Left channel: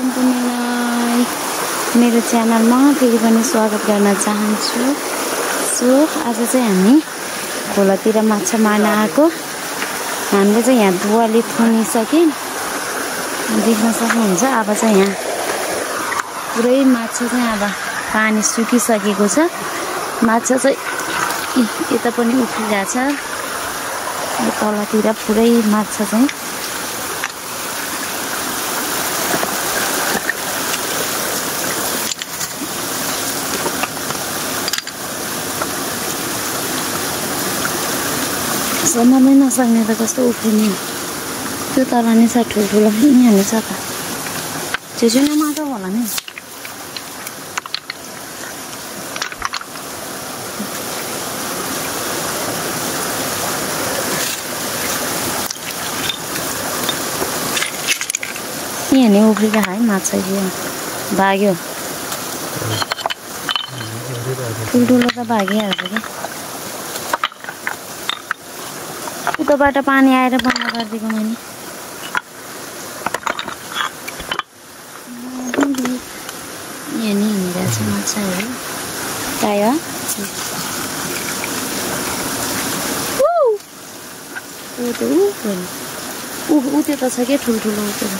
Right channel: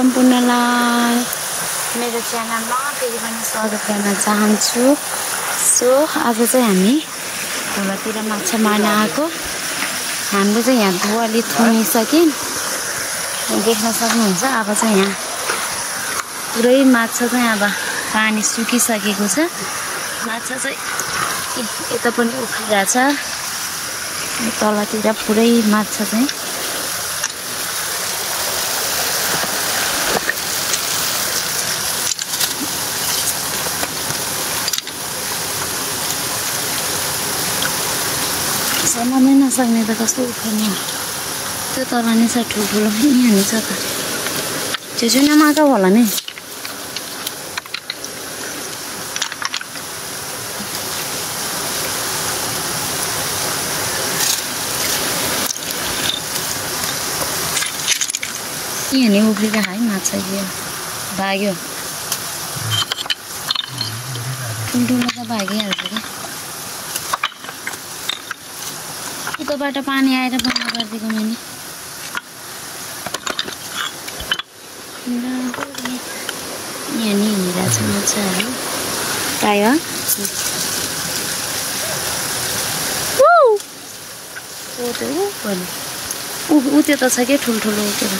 सम्पूर्णलाई मेरो च्यानलमा फेरि पनि स्वागत गर्न चाहन्छु। सो आज चाहिँ हामी खोलातिर माछा मार्न आएको। हाम्रो चाहिँ यहाँ दुवाली थुनिसक्यो, देख्न सक्नुहुन्छ। अब चाहिँ यहाँ पुरै माछा चाहिँ अब पानी सुकिसकेको छ। माछा चाहिँ यता पनि उफ्रिरहेछ, तलतिर पुरै माछा चाहिँ सम्हाल्नै नसक्ने त कस्तो उफ्रिने हो। त्यो तल नै छ ठुल्ठुलो, यहाँनिर छ त छेउछेउमा माछा होला नि। यहाँ नि उफ्रिरहेको है माछा, यो भाग्यो ठुल्ठुलो त भागिहाल्छ क्या। उताबाट पानी आएर बन्द गरिदिएको मैले। यहाँ नि हिँडिरहेछ माछाहरू प्राय। ऊ त्यो त छ क्या ठुल्ठुलो, ऊ त्यो त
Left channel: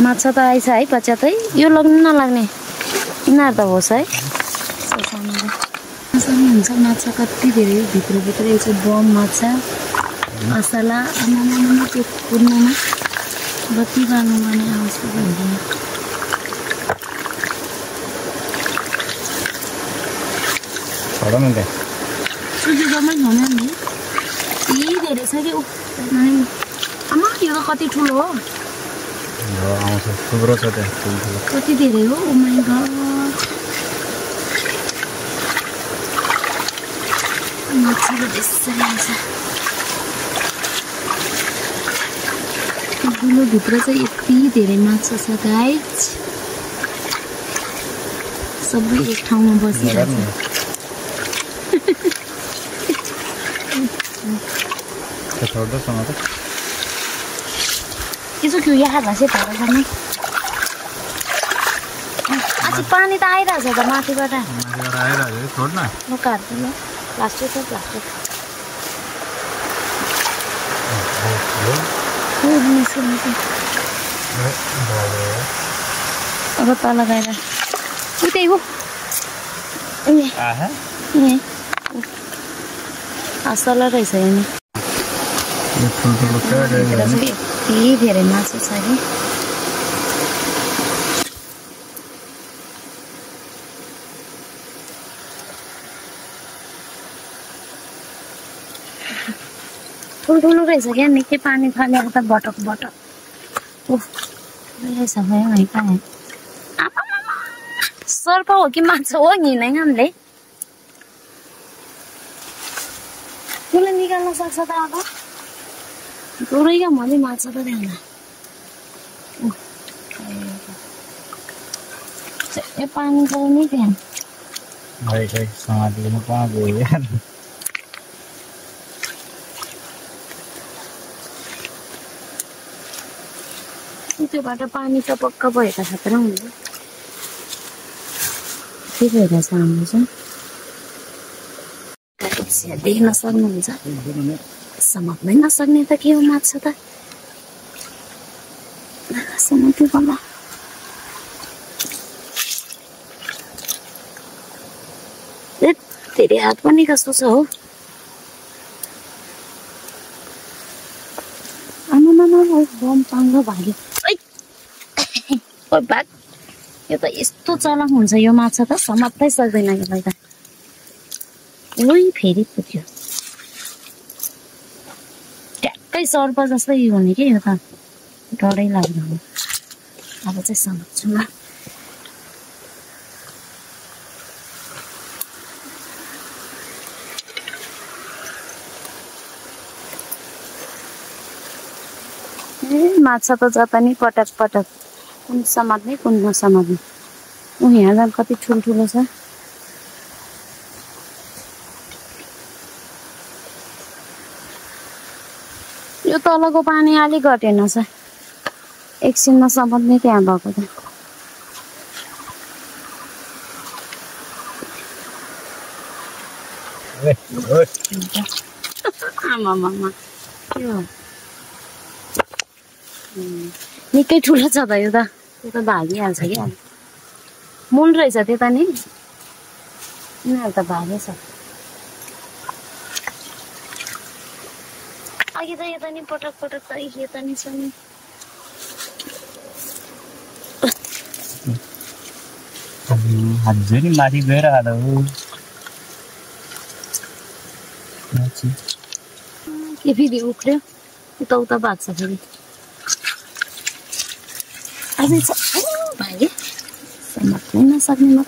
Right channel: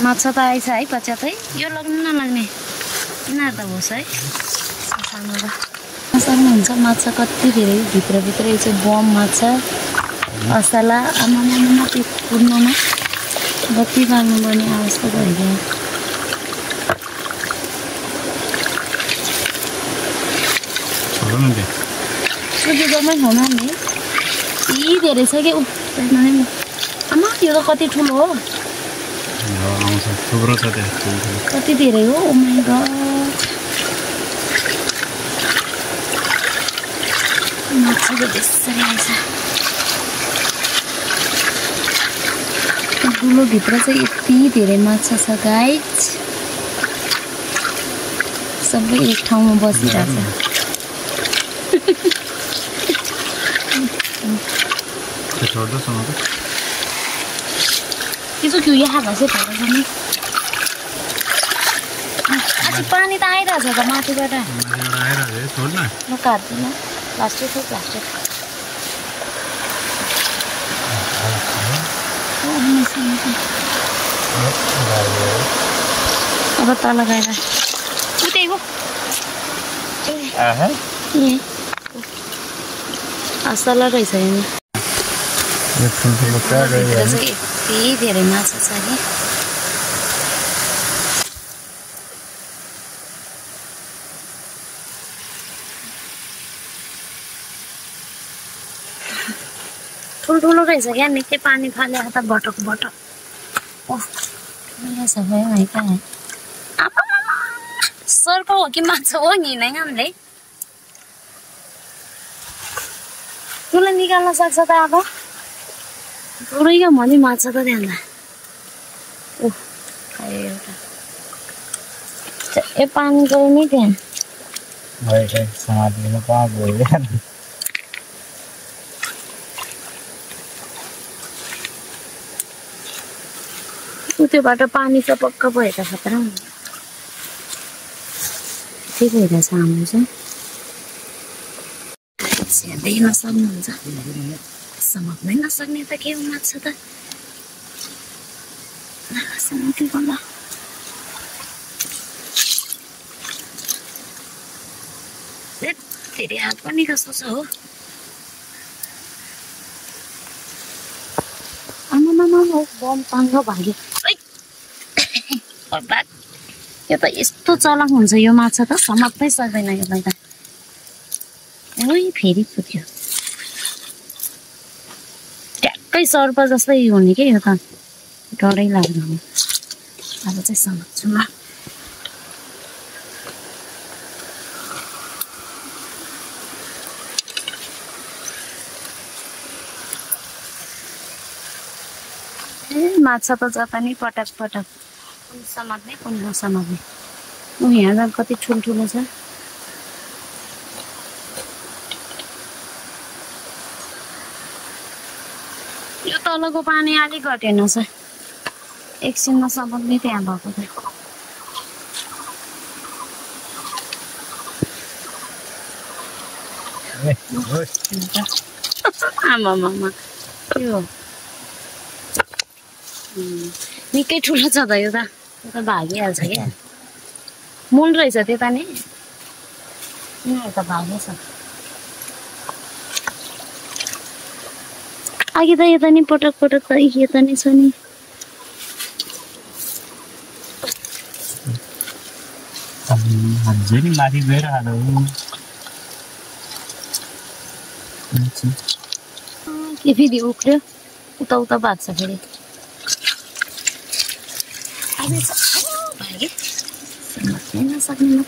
माछा त आइछ है पच्यातै। यो लाग्ने नलाग्ने यिनीहरू त होस् है, सानो त सक्नुहुन्छ। माछा कति धेरै भित्रभित्रै चाहिँ बम माछा असला आमामा त्यो कुद्नमा बत्ती बाल्नुपर्ने अवस्था भइदियो। सुजुकोमै ठाउँमा नि यी धेरै छ कि आमा यो त कति ठुलो हो, कति धेरै हो। ओ माइ गड, माछा त त्यसरी आएछ। गुलोभित्र चाहिँ यति धेरै माछा छ गाइज, सबै एक ठाउँमा बसिरहेछ। त्यसो क्यों यहाँ घसे भएर आज पानी त आइरहेछ त माथिबाट। म काट्दिनँ, प्लास्टिक हो प्लास्टिक। अब तल गएर उतै हो असला रहेछ। भित्र चाहिँ यति धेरै माछा छ कि ठुल्ठुलो रहेछ क्या। निकै पानी फालेको त बटक बटक। सर्प हो कि माछा हो हिँड्नै हामीले। त्यसलाई निकाल्न सक्छ त अब पुरै क्या मैले माछा त त्यहाँ। ए पानी गयो नि त्यहाँ। त्योबाट पानी त पक्का भएका खतरा हुन्छ। के भइरहेछ हाम्रो चाहिँ देख्न सक्नुहुन्छ। समात्नै नसक्ने त के हो माछा त। समात्यो होला धेरै हात पनि कस्तो छ हो। आमामा बम पाङ्ग भाग्यो। यो त यस्तो चलाक हुन्छ यो माछा त, समात्नै सक्दैन यसलाई त। ओइ फेरि पुग्यो, ट्याक्कै सर्प जस्तै हुने कि यो त, डरै लाग्दो हो। अब चाहिँ समात्छु म। माछा त जता नि पटक पटक, कुन समात्ने कुन नसमात्ने। यहाँ जान कति ठुल्ठुलो छ। यो त्यो तलको पानी अलिक घटेन छ एकछिनमा समात्ने त्यहाँ भएको त आमामामा त्यो निकै ठुलो छ त यो त भागिहाल्छ क्या मूल रहेछ त्यता नि यिनीहरू त भागेछ अघि त यता नि पटक पटक त यता नि छ नि हजुर माथि गएर आलो के फेरि उक्ल्यो उता उता भाग्छ फेरि भागे समात्नै नसक्ने म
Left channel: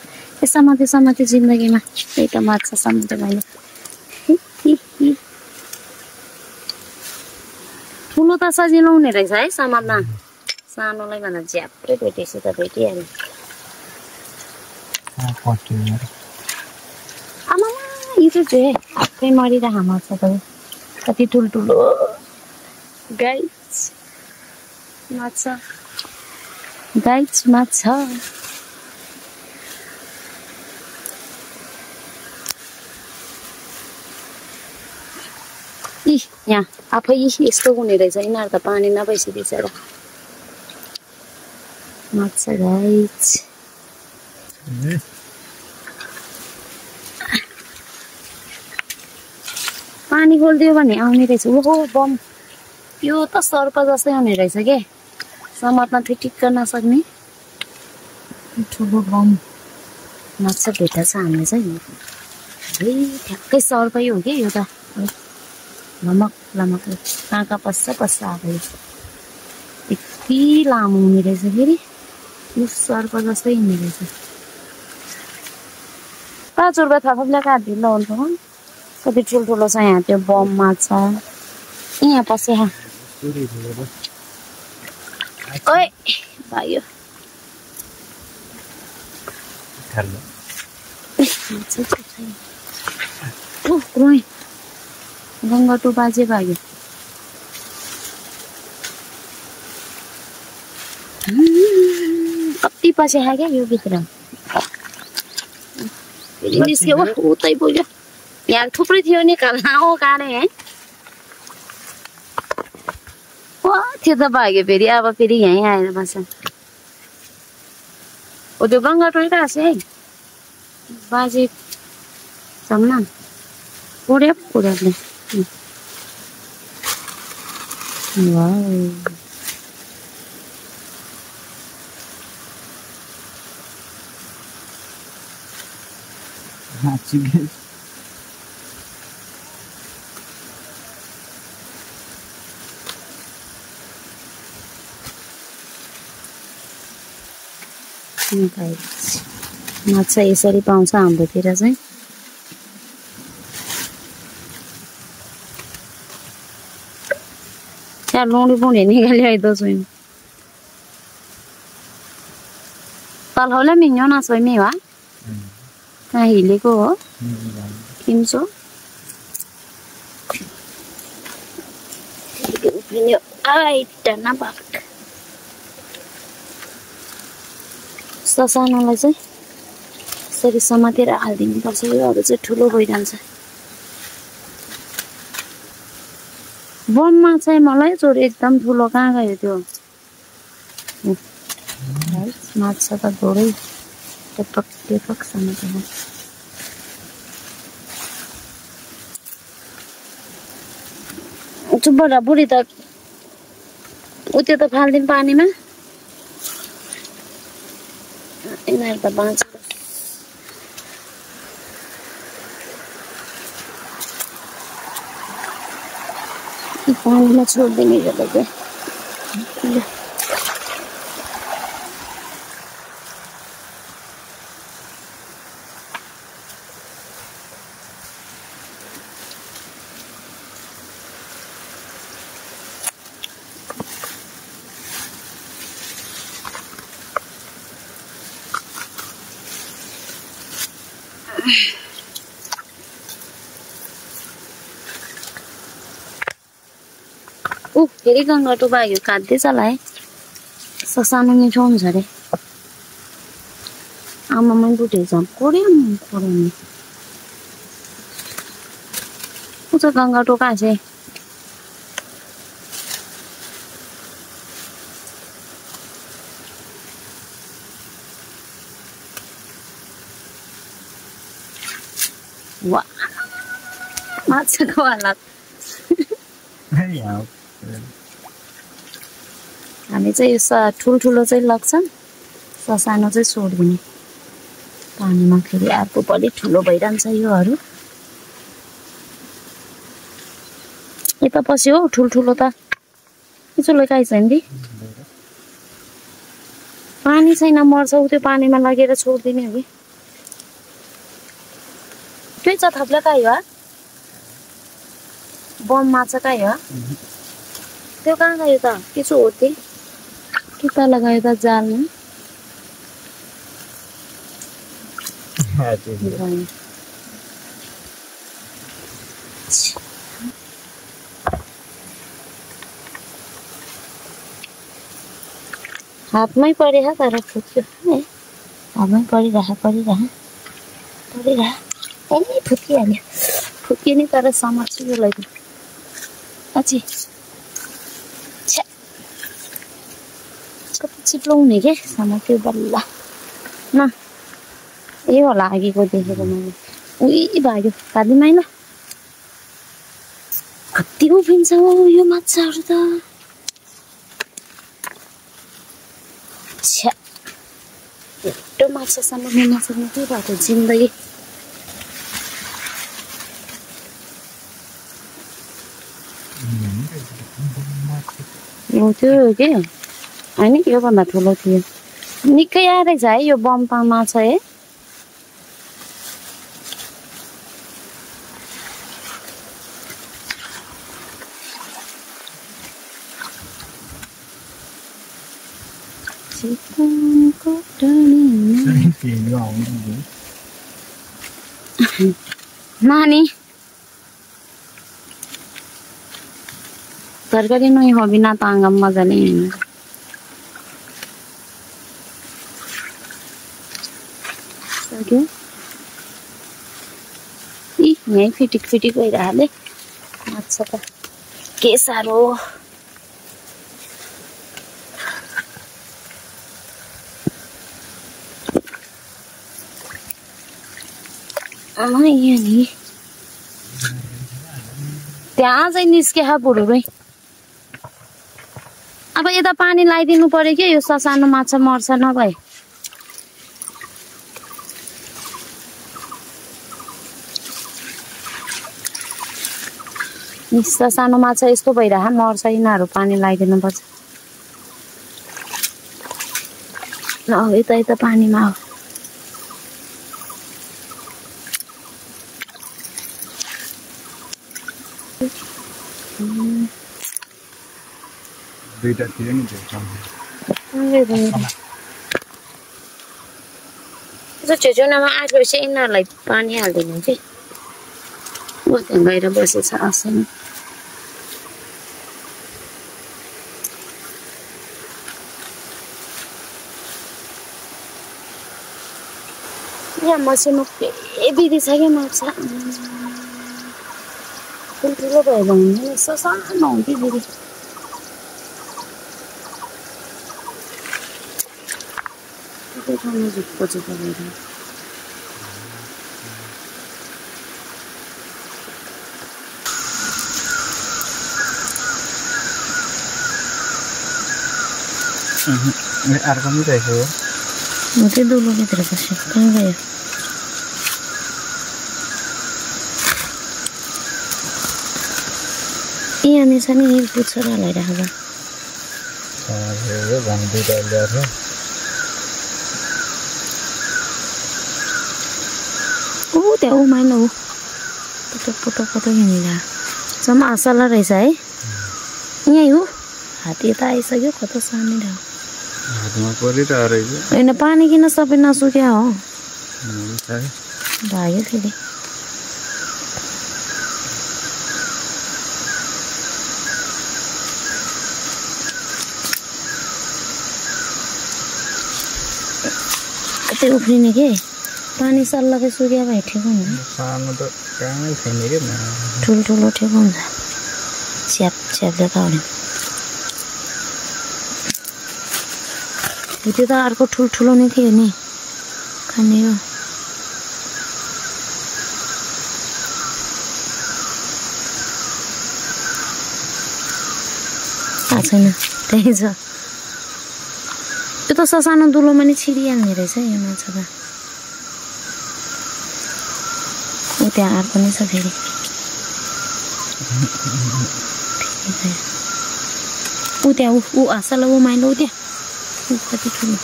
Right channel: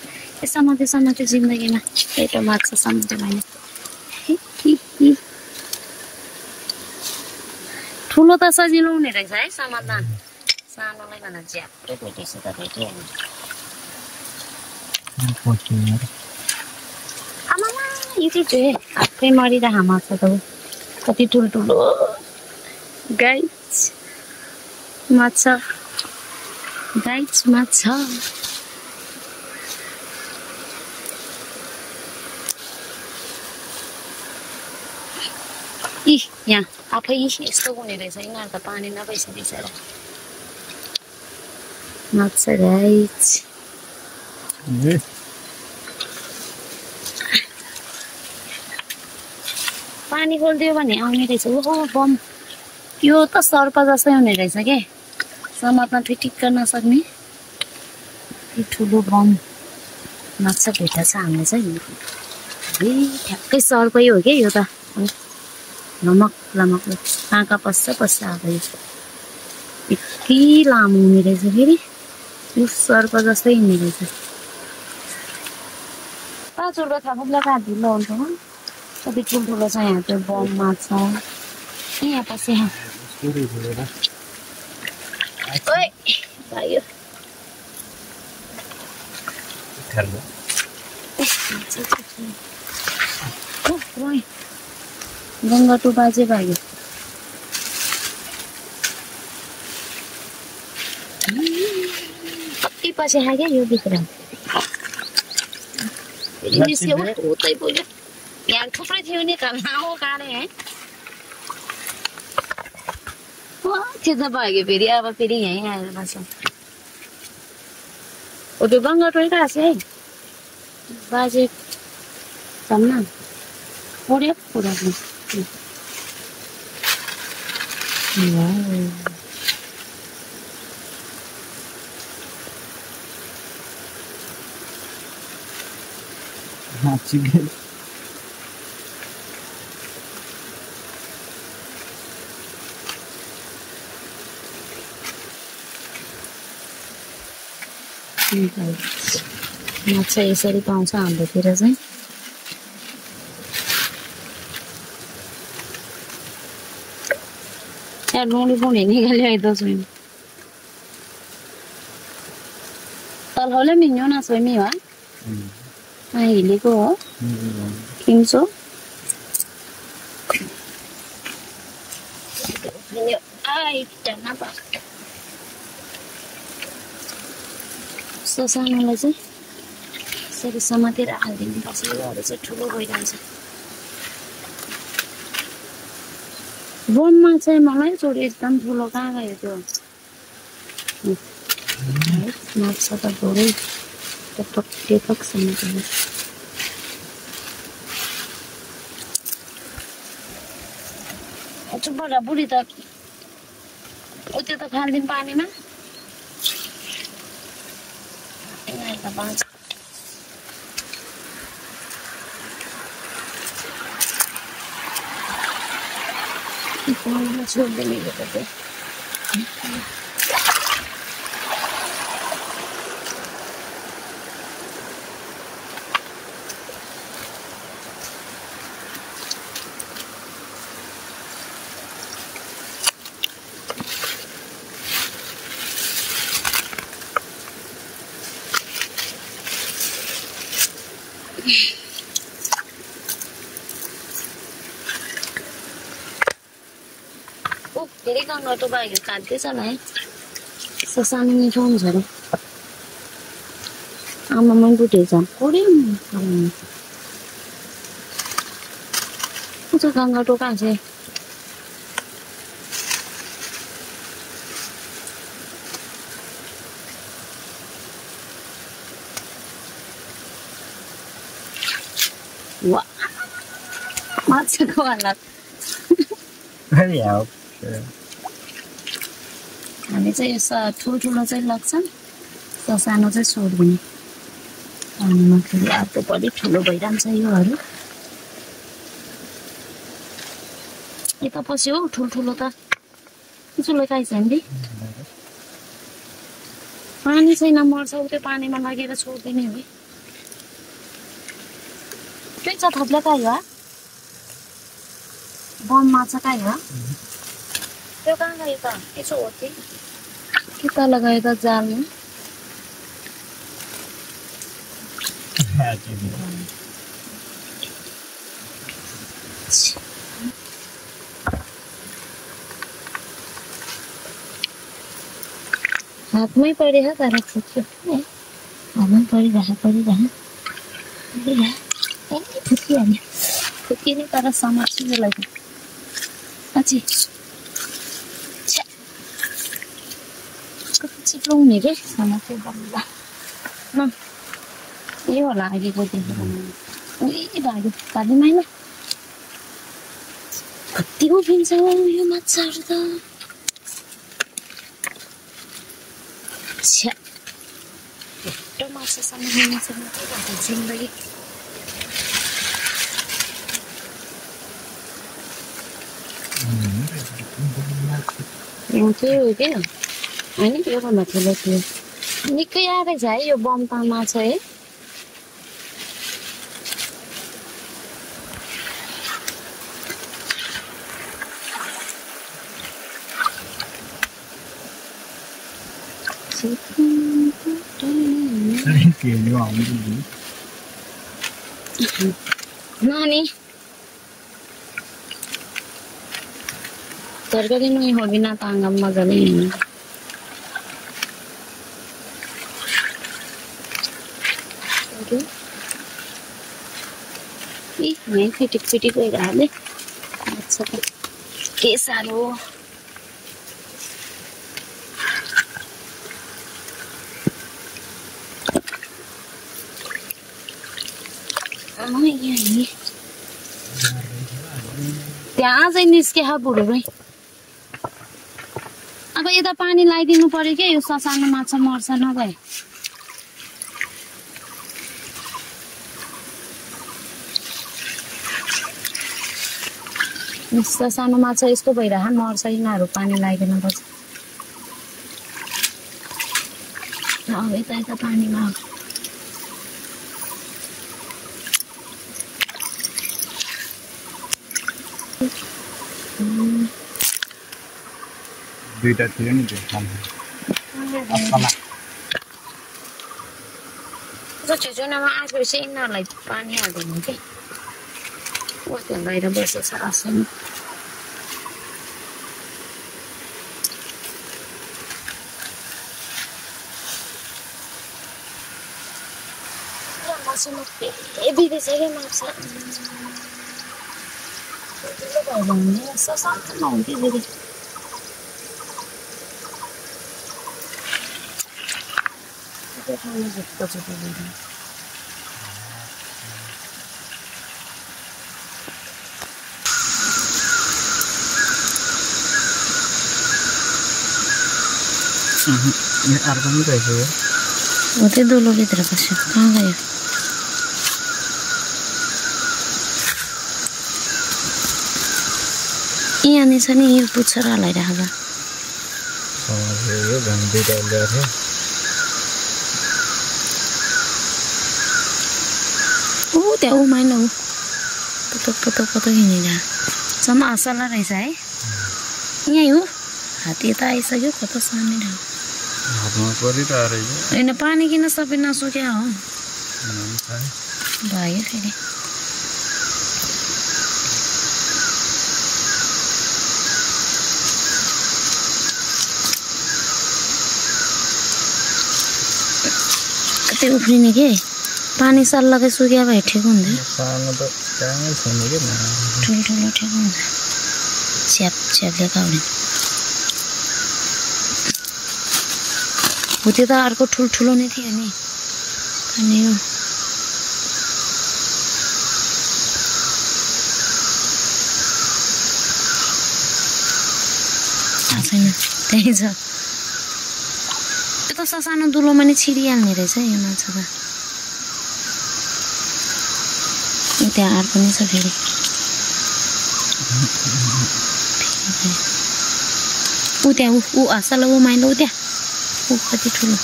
समात्यो जिन्दगीमा पेटो मार्छ समात्यो मैले ठुलो त सजिलो हुने रहेछ है समात्न सानोलाई भन्दा झ्याप्रै भेटेपछि त भेटिहाल्यो आमामा यो चाहिँ आफै मरिरहेको मार्छ त कति ठुल्ठुलो गाइस माछा यहाँ आफै यस्तो हुने रहेछ यिनीहरू त पानी नभइसकेछ र माछा गाइस पानी खोलिदियो भने आउने रहेछ ओहो बम यो त सर्प जस्तै हुने रहेछ के समात्न फिटिक्क नसक्ने ठुलो बम माछा भेट्टा छ हामीले चाहिँ ठ्याक्कै सर्पै हो क्या यो त लमक आँखा पस्छ आएको यो यति लामो हुने रहेछ फेरि यो सर्प जस्तै हुने रहेछ 5 रुपियाँ थपले काटिदिनु हुन्छ कति ठुल्ठुलो छ यहाँ त्यो बम माछा यहाँ पस्यो ओइ भाइयो गङ्गा टु बाजे भाग्यो कति पछि खायो क्या यो भित्र निस्क्यो उतै पुग्यो यहाँ थुप्रै थियो नि काँडे है त्यो त भाग्यो फेरि अब फेरि यहीँ आएर बस्छ ओ त्यो गङ्गा टोइरहेको छ है बाजे जम्मा पुऱ्यो पुऱ्याउने माछा यसरी पाउँछ हाम्रोतिर चाहिँ त्यहाँ लौडी पुण्य निकाल्यो है दसैँ तलहौले मिङ्यो न सोइमी वा कहाँ हिलेको हो किन्छो ससानोलाई चाहिँ यसरी समातेर हालिदिनुपर्छ योहरू चाहिँ ठुलो भइरहन्छ बममा चाहिँ मलाई चोरी एकदम ठुलो कहाँ गयो त्यो माछा त थोरै टेपक समातेर चुप्पा बुढी त उत्यो त फाल्दिन पानीमा यिनीहरू त बाँच्छ पानीमा छोडिदिने गर्दा चाहिँ फेरि गङ्गाटो बाघ काट्दैछ होला है सानो मिठो हुन्छ अरे आमामा बुटेछ कोरियम उता गङ्गाटो कहाँ छ वाह माछाको हालत हामी चाहिँ यो ठुल्ठुलो चाहिँ लाग्छ सानो चाहिँ छोड्दिने पानीमा फेरि अर्को पनि ठुलो भइरहन्छ योहरू यता पस्यो हौ ठुल्ठुलो त ठुलो काहीँ छैन दि पानी छैन मर्छ त्यो पानीमा लगेर छोड्दिने हो कि त्यही छ थप्ला काहीँ हो बम माछा काहीँ हो त्यो कहाँ गयो त त्यसो हो त्यही कि तल गयो त जालमा हातमै परेछ तर फुट्यो हातमै परिरह फुटिहाल्यो फुट्किने तर समात्छु यसलाई त अझै कति छिटो हुने के समात्यो बल्ल न ए होला अघिको देखेको मैले उही भाग्यो काट्दिमै ल कति उभिन्छ यो माछाहरू त छिटो माछासम्म नसक्ने के भएको जिन्दगी त्यो के होइन योभन्दा ठुलो थियो निकै आएछ है यो बम्पा माछा है नानी तरकारी नहीं हो बिना तांगम मजाले हिँड्नु यहीँ फिटिक भइरहले माछा त के साह्रो यही त्यहाँ चाहिँ निस्के बुढो भाइ अब यता पानी लगाइदिनु पर्यो कि यो सानो माछा मर्छ नभए सानो माछा यस्तो भइरह मर्छ यिनीहरू पानी लगाइदिनु पर्छ यता पानीमा हो दुईटा थियो नि त्यो छेउछाउमा आएपछि यिनीहरूलाई पानी हालिदिनु कि बाहिर बसेछ आसन यहाँ मसिनो के बिदी छ क्या माछा ठुल्ठुलो भएर हुँदैन सानो हुन्थ्यो बिदी झुक्को भएर अर्को पनि रहेछ यो हो त्यो दुलोभित्र बस्यो कहाँ गयो यहाँनिर छ नि पुच्छर हलाइराख्दा त्यहाँ उमाइलो हो पतक हिँडेर सम्म असला रहेछ है यहीँ हो हात्ती यता आइसक्यो कता सानो होइन पानी किन सबै नसुक्या हो भाग्यो फेरि मात्रै उफ्रिने के पानी सल्लाकै सुक्या भए ठिक हुन्थ्यो सानो त कामै छैन के ठुल्ठुलो ठिक हुन्छ स्याप स्यापले खाउने हो त्यो त अर्को ठुल्ठुलो नै थियो नि खाने हो थाहा छैन त्यही छ त्यो त ससानो दुलोमा नै छिरिहाल्ने रहेछ यो माछा त ऊ त्यहाँ अर्को नै छ फेरि ऊ त्यहाँ ऊ हँसल ऊ माइलो ऊ त्यहाँ ऊ कति ठुलो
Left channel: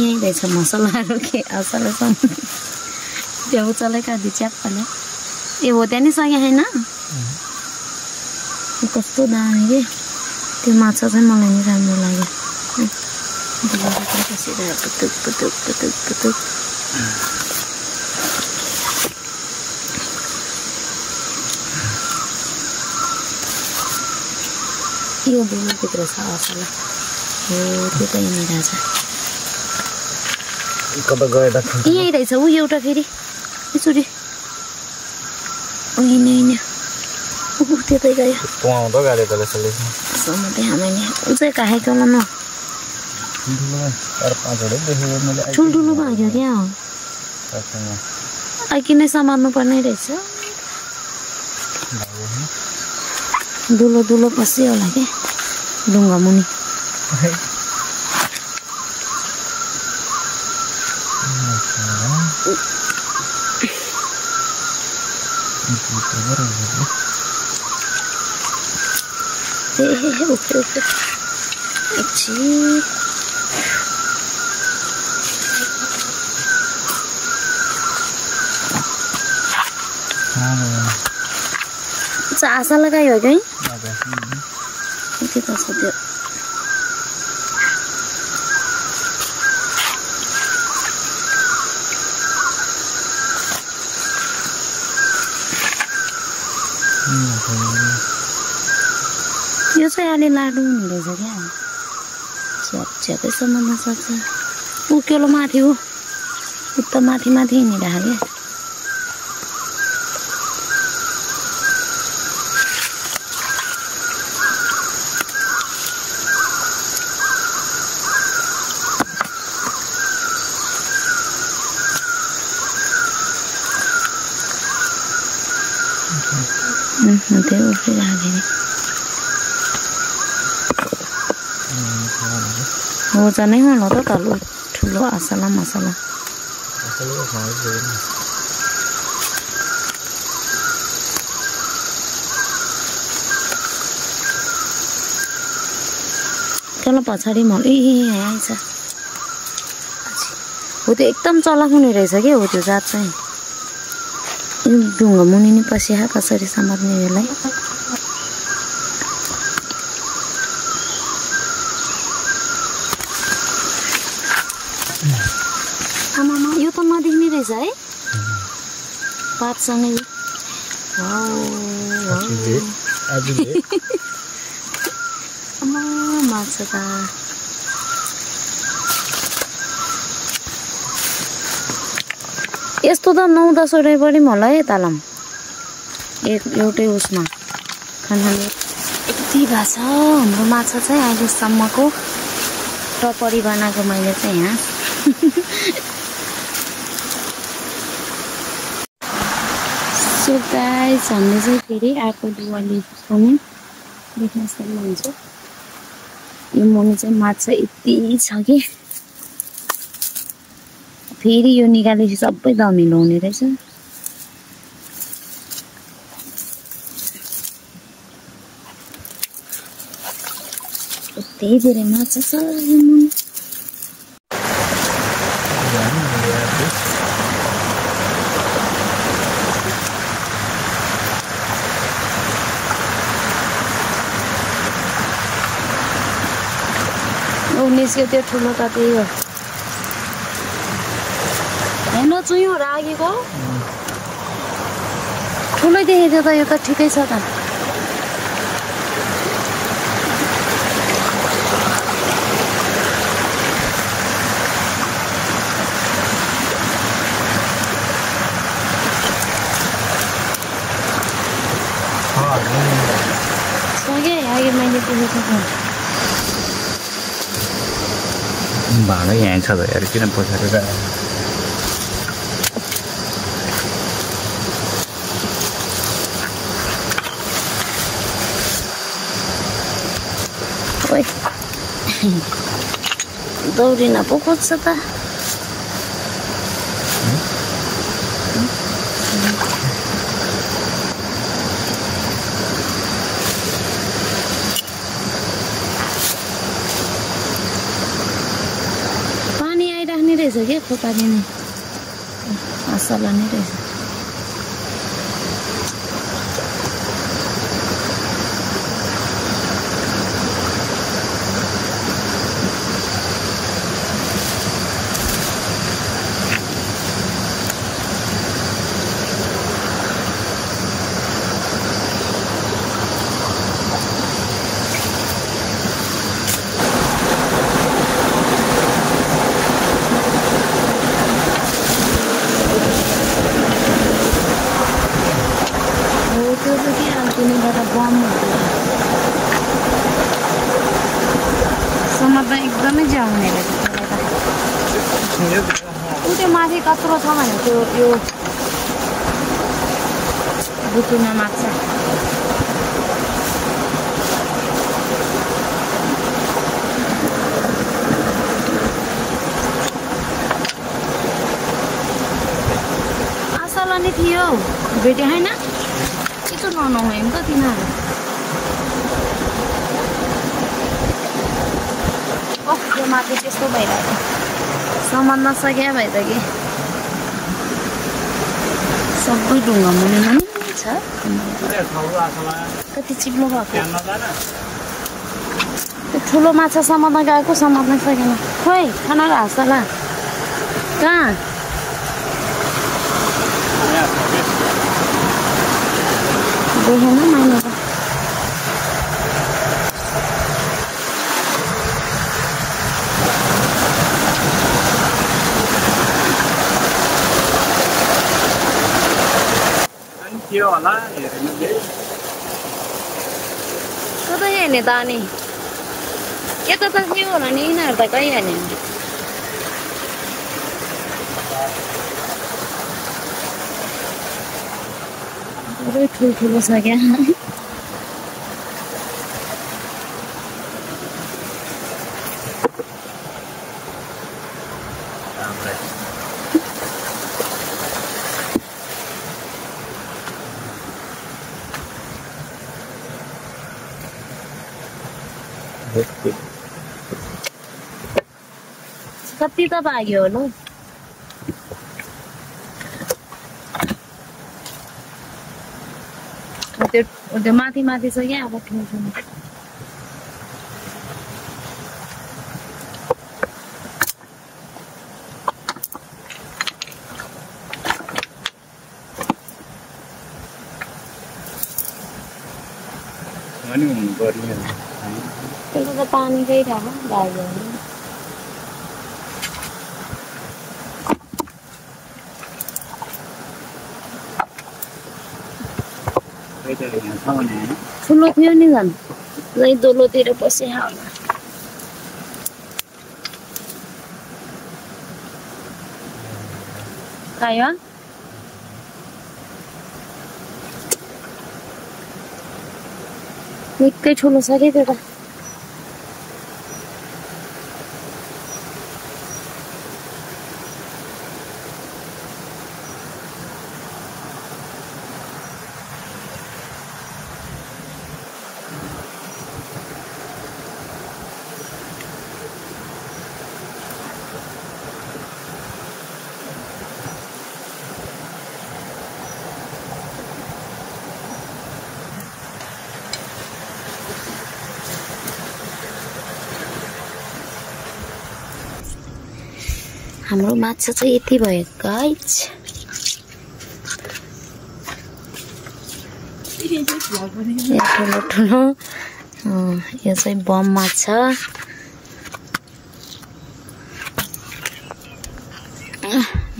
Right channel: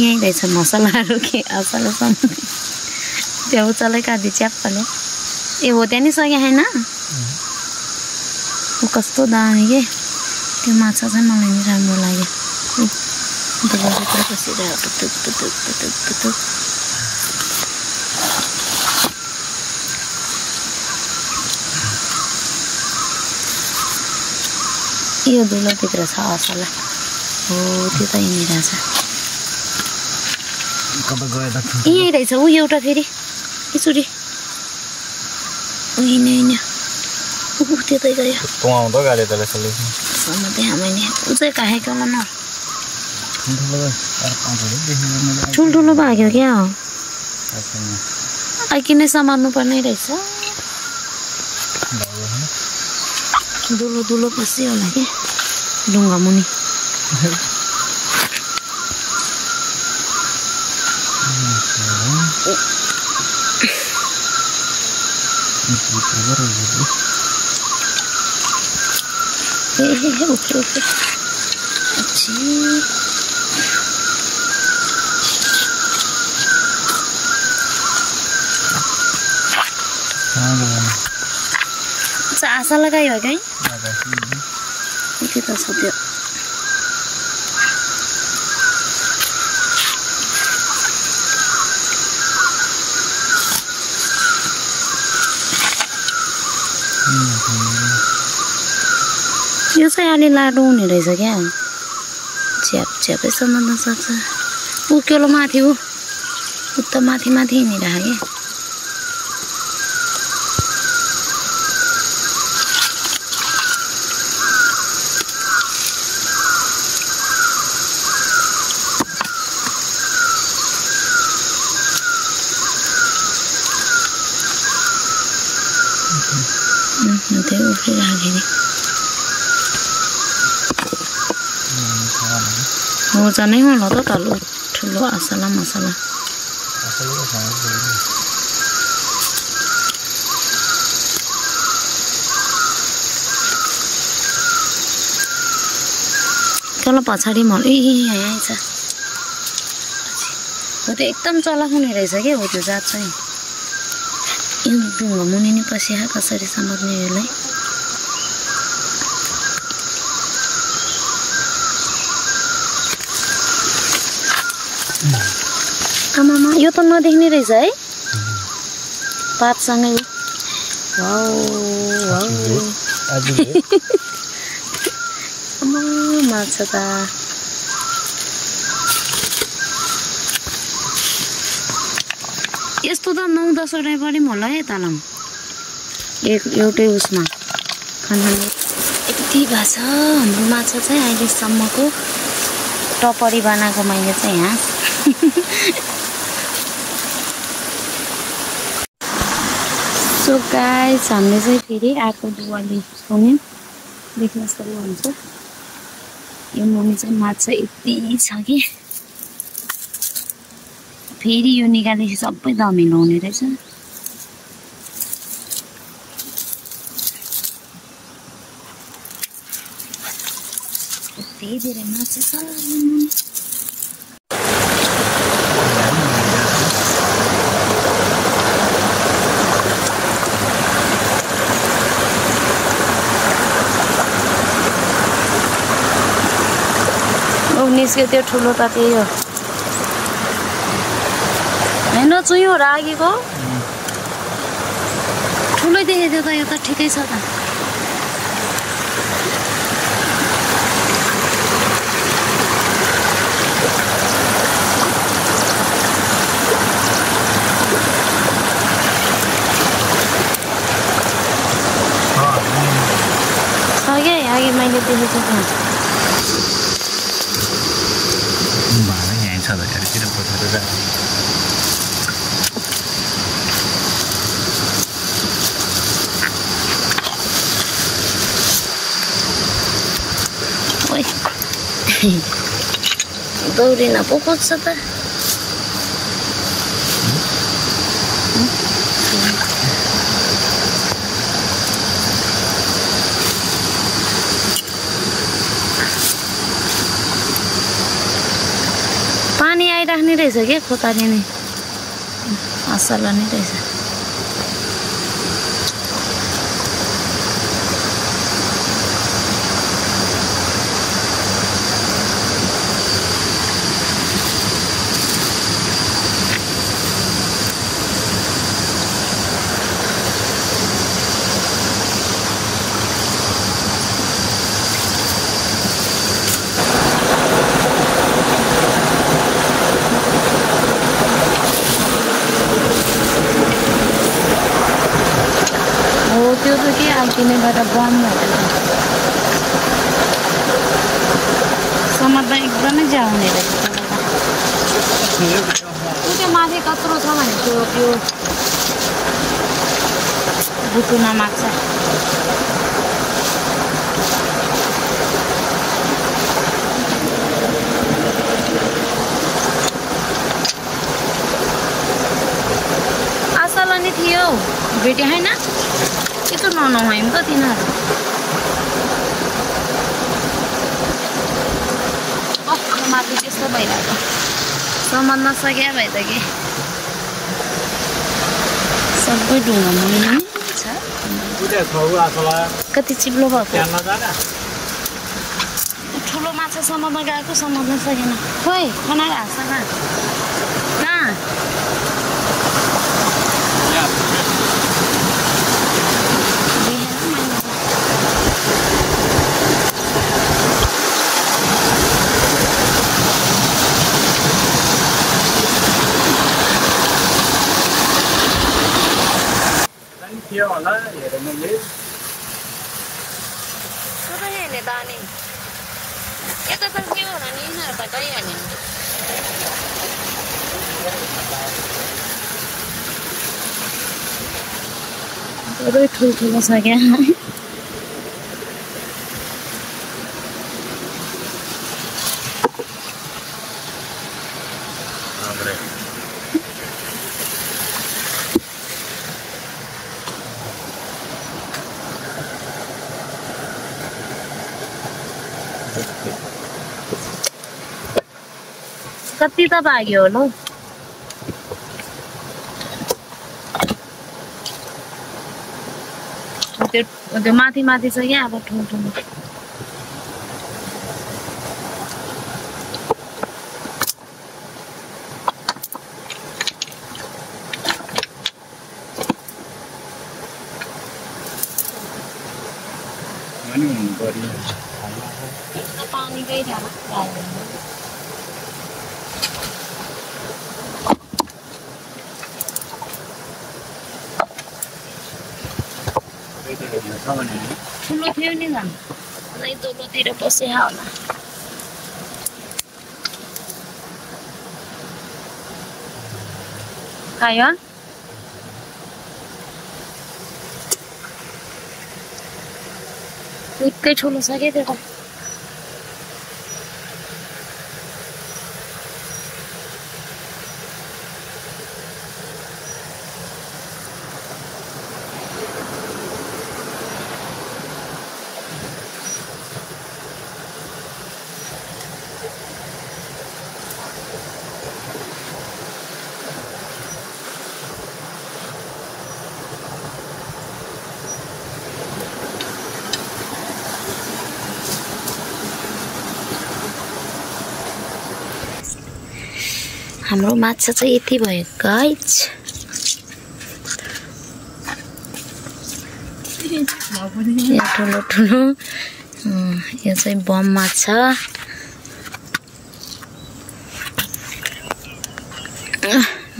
यहीँ रहेछ मसलाहरू के हँसलसम्म त्यहाँ उचालै काँदी च्याप्पाले ए हो त्यहाँ नि सके होइन ऊ कस्तो दामी के त्यो माछा चाहिँ मलाई नि राम्रो लाग्यो बसिरहेको पुतुक पुतुक पुतुक पुतुक यो दुलोभित्र छ असला हो त्यो त यहीँ रहेछ यहीँ रहेछ ऊ एउटा फेरि एकचोटि होइन ऊ त्यतै गयो त्यहाँ मैले ऊ चाहिँ काखेको होला न ठुल्ठुलो भाग्यो क्या हो आइकि नै समार्नु पर्ने रहेछ दुलो दुलो पस्यो होला क्या ढुङ्गा मुनि ओके ओके अच्छा आशा लगायो है त्यो त छ त्यो यो चाहिँ अलि लाडो हुने रहेछ क्या च्याप च्यापै समात्न सक्छ उक्यो माथि ऊ त माथि माथि हिँडिरहेको क्या त्यो उफ्रिरहेको नि हो झनै होला त तल्लो ठुलो आसला मसला तल पछाडि मल यहाँ आएछ हो त्यो एकदम चलाक हुने रहेछ के हो त्यो जात चाहिँ यो ढुङ्गा मुनि नि पसिया कसरी समात्ने यसलाई आमामा यो त नदेख्ने रहेछ है पातसँगै माछा त यस्तो त 9-10 वटा पनि होला है तालम एउटै उसमा खाना यति भएको छ हाम्रो माछा चाहिँ अहिलेसम्मको टपरी बनाएको मैले चाहिँ यहाँ सो गाइस हामीले चाहिँ फेरि आएको दुवाली पनि देख्न सक्नुहुन्छ यो मुनि चाहिँ माछा यति छ कि फेरि यो निकालेपछि सबै धमिलो हुने रहेछ यति धेरै माछा छ निस्क्यो त्यो ठुलो त त्यही हो हैन चुइयो रागेको ठुलै देखेको थियो त यो त ठिकै छ त मैले देखेको त्यहाँ भागै यहाँ छ त यार किन पछाडि ओइ दौडिन पो खोज्छ त पानी आइराख्ने रहेछ के खोताले नै असला नै रहेछ त्यो त के आइकिने गर्दा बम समात्न एकदमै जाउने रहेछ त्यसलाई त त्यो माथि कत्रो छ भने त्यो बुटुना माछा आशाला नि थियो भेटे होइन के त नहुँ त तिनीहरू कस्तो माथि त्यस्तो भइरहेको समात्न नसक्या भए त के सबै ढुङ्गा मुनि छ कति चिप्लो भएको त्यो ठुलो माछा समात्न गएको समात्न सकेन खोइ खाना घाँस होला कहाँ देखेन मैले त के होला हेर्नुले कतै हेर्ने त अनि यता त के होला नि यिनीहरू त कहीँ हेर्ने पुरै ठुल्ठुलो छ क्या कति त भाग्यो होला त्यो माथि माथि छ क्या अब ठुल्ठुलो त्यो त पानीकै थाहा भाग्यो ठुलो थियो नि झन् यही दोलोतिर पसेहा होला खायो निकै ठुलो छ क्या त्यो त हाम्रो माछा चाहिँ यति भयो गाइज यहाँ ठुलो ठुलो यो चाहिँ बम माछा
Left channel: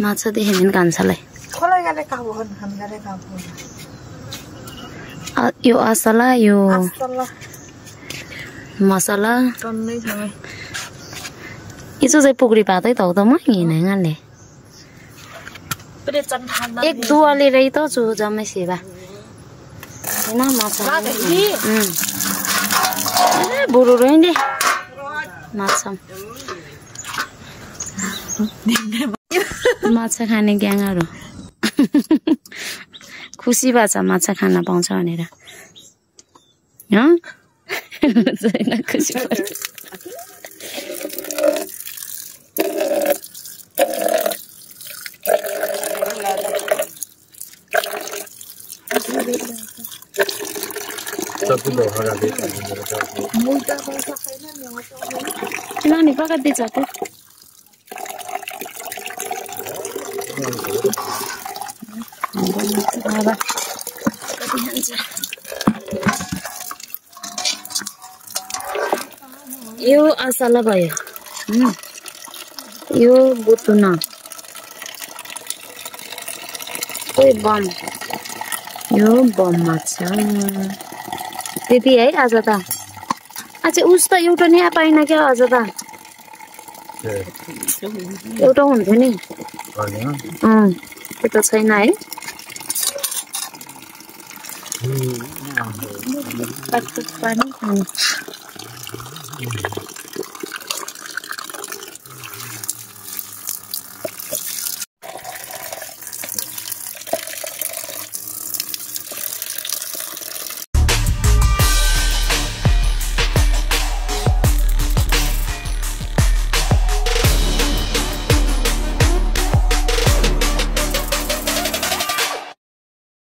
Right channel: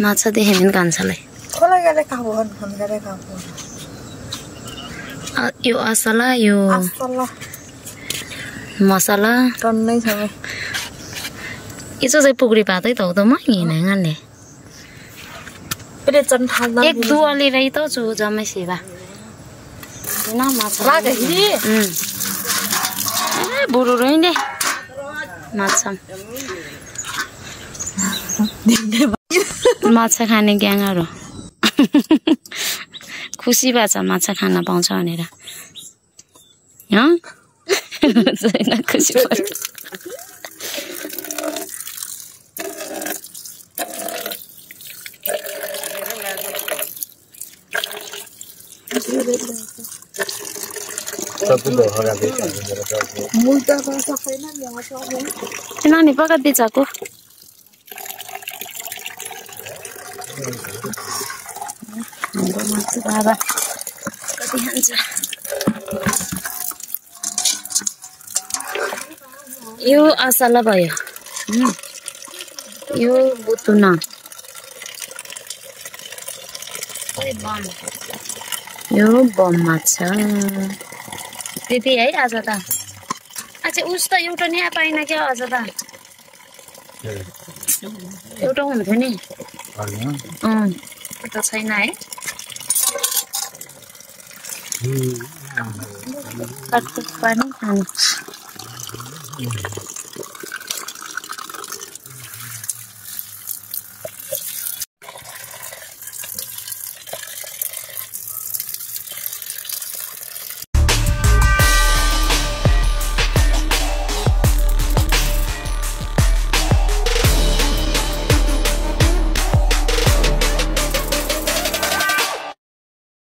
माछा देख्यो भने कान्छालाई यो असला यो मसला टन्नै छ itu saya pukul patah itu tuh mah ini ngale. Ek dua lira itu tuh jamai sih lah. Ini macam. Buru ini macam. Macam खाने ग्याङहरु. खुसी बाचा माछा खान पाउँछ भनेर. हँ? छैन खुसी भयो. Nani pakat dicaku. Yo asala भयो. Yo butuna. बम यो बम माछा त्यति है आज त अच्छा उस त एउटा नि पाइन क्या आज त एउटा हुन्थ्यो नि त्यो त छैन है काटकुट पानी खाने